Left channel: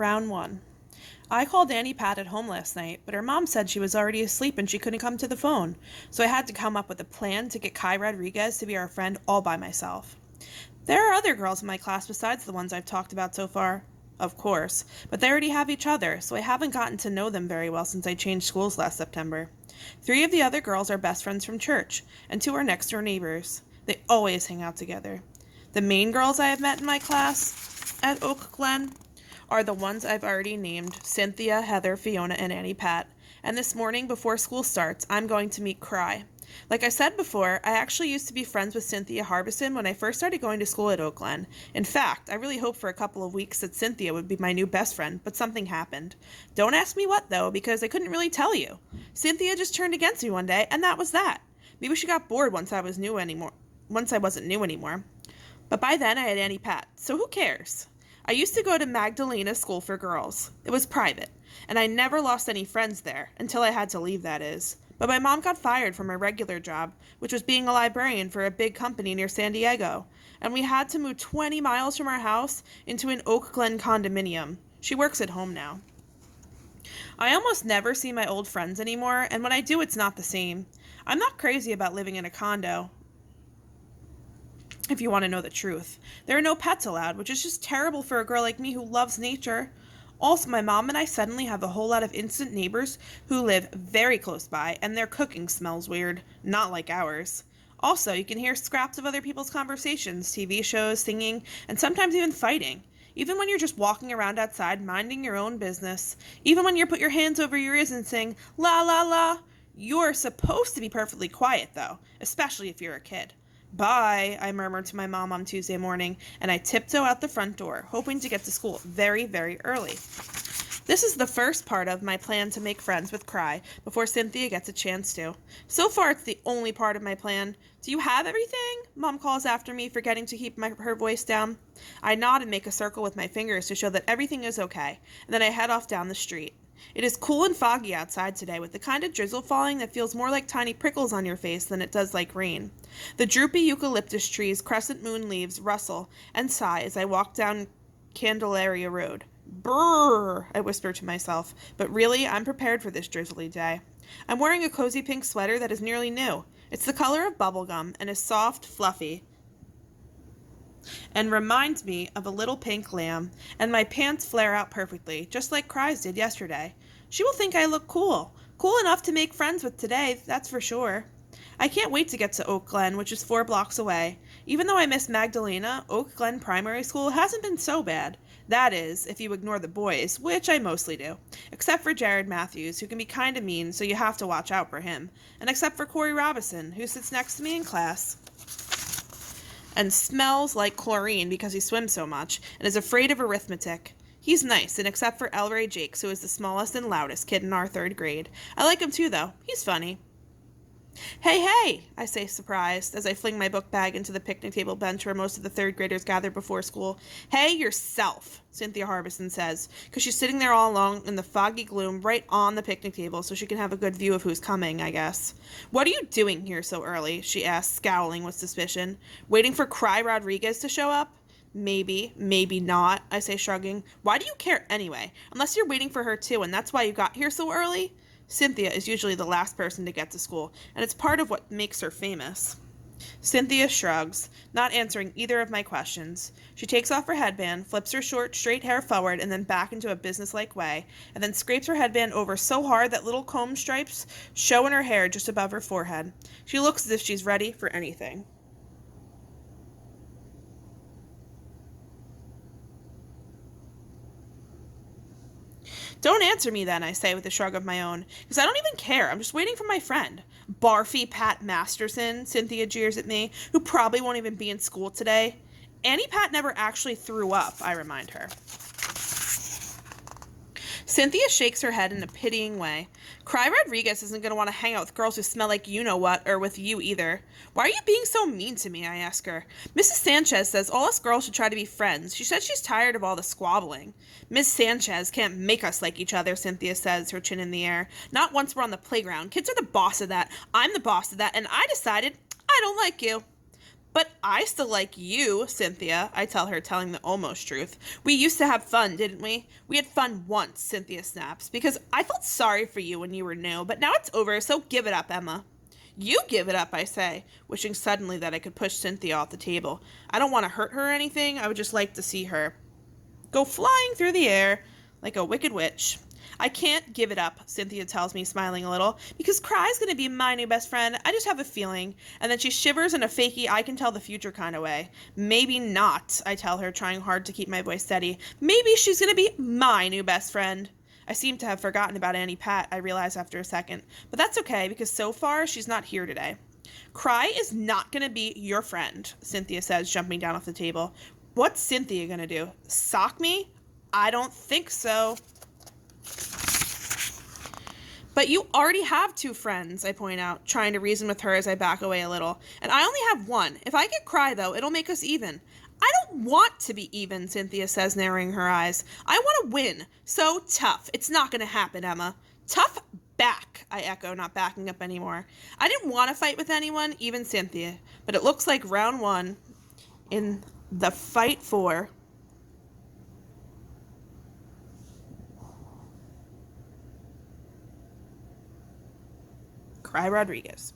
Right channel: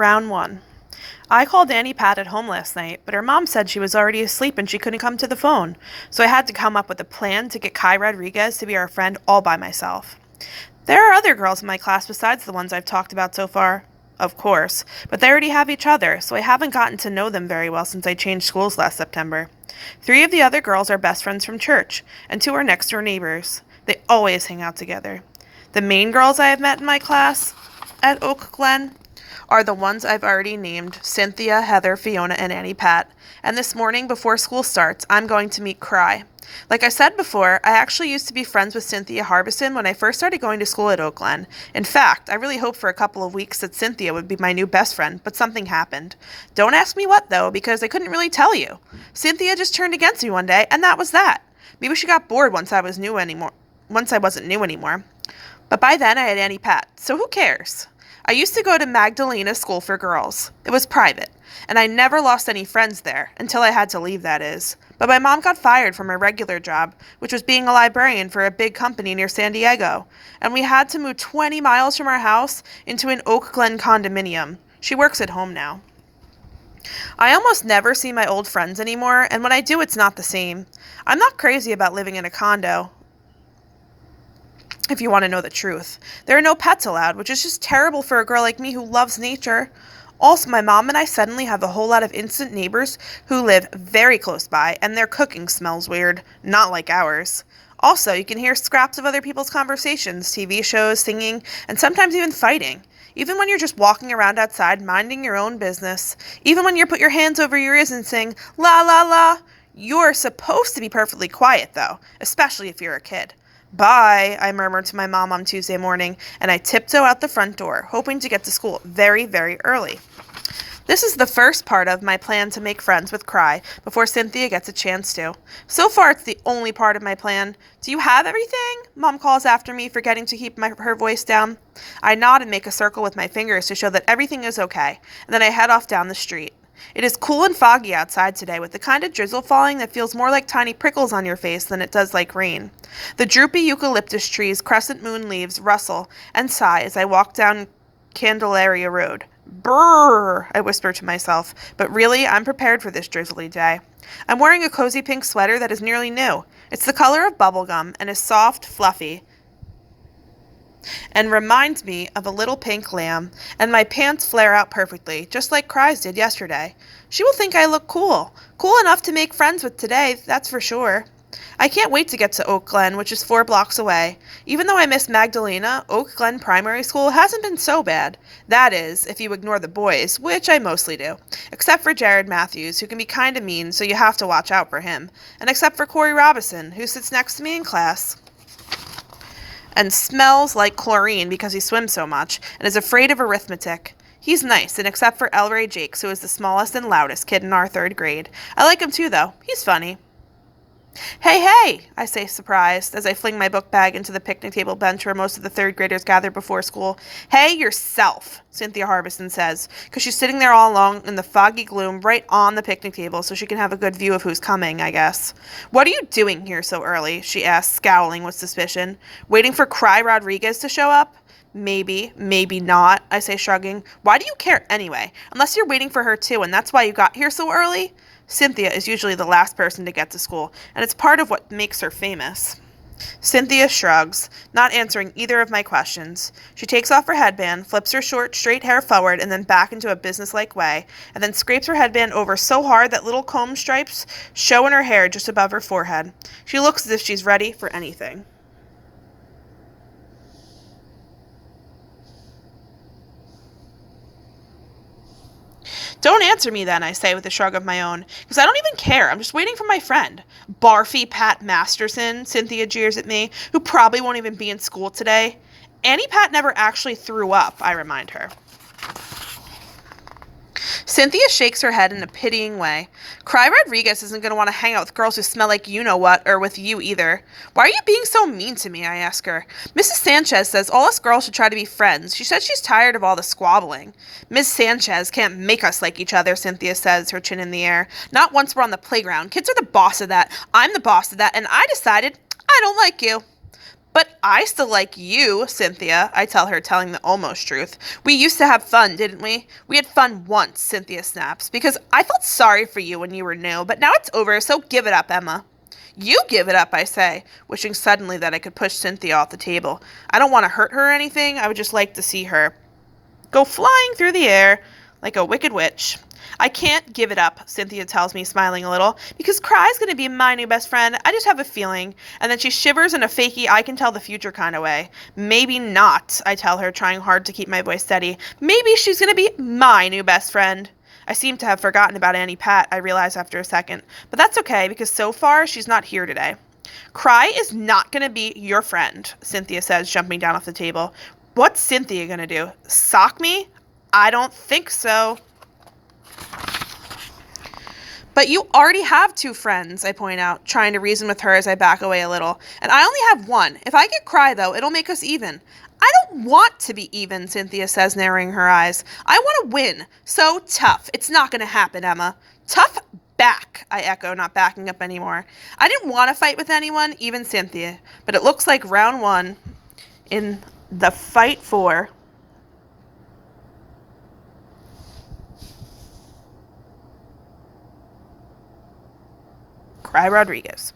Round 1. I called Annie Pat at home last night, but her mom said she was already asleep and she couldn't come to the phone, so I had to come up with a plan to get Kai Rodriguez to be our friend all by myself. There are other girls in my class besides the ones I've talked about so far, of course, but they already have each other, so I haven't gotten to know them very well since I changed schools last September. 3 of the other girls are best friends from church, and 2 are next door neighbors. They always hang out together. The main girls I have met in my class at Oak Glen are the ones I've already named: Cynthia, Heather, Fiona, and Annie Pat. And this morning, before school starts, I'm going to meet Cry. Like I said before, I actually used to be friends with Cynthia Harbison when I first started going to school at Oak Glen. In fact, I really hoped for a couple of weeks that Cynthia would be my new best friend, but something happened. Don't ask me what, though, because I couldn't really tell you. Cynthia just turned against me one day, and that was that. Maybe she got bored once I wasn't new anymore. But by then I had Annie Pat, so who cares? I used to go to Magdalena School for Girls. It was private, and I never lost any friends there, until I had to leave, that is. But my mom got fired from her regular job, which was being a librarian for a big company near San Diego, and we had to move 20 miles from our house into an Oak Glen condominium. She works at home now. I almost never see my old friends anymore, and when I do, it's not the same. I'm not crazy about living in a condo, if you want to know the truth. There are no pets allowed, which is just terrible for a girl like me who loves nature. Also, my mom and I suddenly have a whole lot of instant neighbors who live very close by, and their cooking smells weird, not like ours. Also, you can hear scraps of other people's conversations, TV shows, singing, and sometimes even fighting. Even when you're just walking around outside, minding your own business. Even when you put your hands over your ears and sing, la la la. You're supposed to be perfectly quiet, though, especially if you're a kid. Bye, I murmured to my mom on Tuesday morning, and I tiptoe out the front door, hoping to get to school very, very early. This is the first part of my plan to make friends with Cry before Cynthia gets a chance to. So far, it's the only part of my plan. Do you have everything? Mom calls after me, forgetting to keep her voice down. I nod and make a circle with my fingers to show that everything is okay, and then I head off down the street. It is cool and foggy outside today, with the kind of drizzle falling that feels more like tiny prickles on your face than it does like rain. The droopy eucalyptus trees' crescent moon leaves rustle and sigh as I walk down Candelaria Road. Brrr, I whisper to myself, but really, I'm prepared for this drizzly day. I'm wearing a cozy pink sweater that is nearly new. It's the color of bubblegum and is soft, fluffy, and reminds me of a little pink lamb, and my pants flare out perfectly, just like Cry's did yesterday. She will think I look cool. Cool enough to make friends with today, that's for sure. I can't wait to get to Oak Glen, which is 4 blocks away. Even though I miss Magdalena, Oak Glen Primary School hasn't been so bad. That is, if you ignore the boys, which I mostly do. Except for Jared Matthews, who can be kinda mean, so you have to watch out for him. And except for Corey Robinson, who sits next to me in class and smells like chlorine because he swims so much, and is afraid of arithmetic. He's nice, and except for Elray Jakes, who is the smallest and loudest kid in our 3rd grade. I like him too, though. He's funny. Hey, hey, I say, surprised, as I fling my book bag into the picnic table bench where most of the 3rd graders gather before school. Hey, yourself, Cynthia Harbison says, because she's sitting there all alone in the foggy gloom right on the picnic table so she can have a good view of who's coming, I guess. What are you doing here so early? She asks, scowling with suspicion. Waiting for Cry Rodriguez to show up? Maybe, maybe not, I say, shrugging. Why do you care anyway? Unless you're waiting for her too, and that's why you got here so early? Cynthia is usually the last person to get to school, and it's part of what makes her famous. Cynthia shrugs, not answering either of my questions. She takes off her headband, flips her short, straight hair forward and then back into a businesslike way, and then scrapes her headband over so hard that little comb stripes show in her hair just above her forehead. She looks as if she's ready for anything. Don't answer me then, I say with a shrug of my own, because I don't even care. I'm just waiting for my friend. Barfy Pat Masterson, Cynthia jeers at me, who probably won't even be in school today. Annie Pat never actually threw up, I remind her. Cynthia shakes her head in a pitying way. Cry Rodriguez isn't going to want to hang out with girls who smell like you-know-what, or with you either. Why are you being so mean to me, I ask her. Mrs. Sanchez says all us girls should try to be friends. She says she's tired of all the squabbling. Miss Sanchez can't make us like each other, Cynthia says, her chin in the air. Not once we're on the playground. Kids are the boss of that. I'm the boss of that, and I decided I don't like you. But I still like you, Cynthia, I tell her, telling the almost truth. We used to have fun, didn't we? We had fun once, Cynthia snaps, because I felt sorry for you when you were new, but now it's over, so give it up, Emma. You give it up, I say, wishing suddenly that I could push Cynthia off the table. I don't want to hurt her or anything, I would just like to see her go flying through the air like a wicked witch. I can't give it up, Cynthia tells me, smiling a little, because Cry's going to be my new best friend. I just have a feeling. And then she shivers in a fakey I can tell the future kind of way. Maybe not, I tell her, trying hard to keep my voice steady. Maybe she's going to be my new best friend. I seem to have forgotten about Annie Pat, I realize after a second. But that's okay, because so far she's not here today. Cry is not going to be your friend, Cynthia says, jumping down off the table. What's Cynthia going to do? Sock me? I don't think so. But you already have two friends, I point out, trying to reason with her as I back away a little. And I only have one. If I get Cry, though, it'll make us even. I don't want to be even, Cynthia says, narrowing her eyes. I want to win. So tough. It's not going to happen, Emma. Tough back, I echo, not backing up anymore. I didn't want to fight with anyone, even Cynthia. But it looks like round one in the fight for Cry Rodriguez.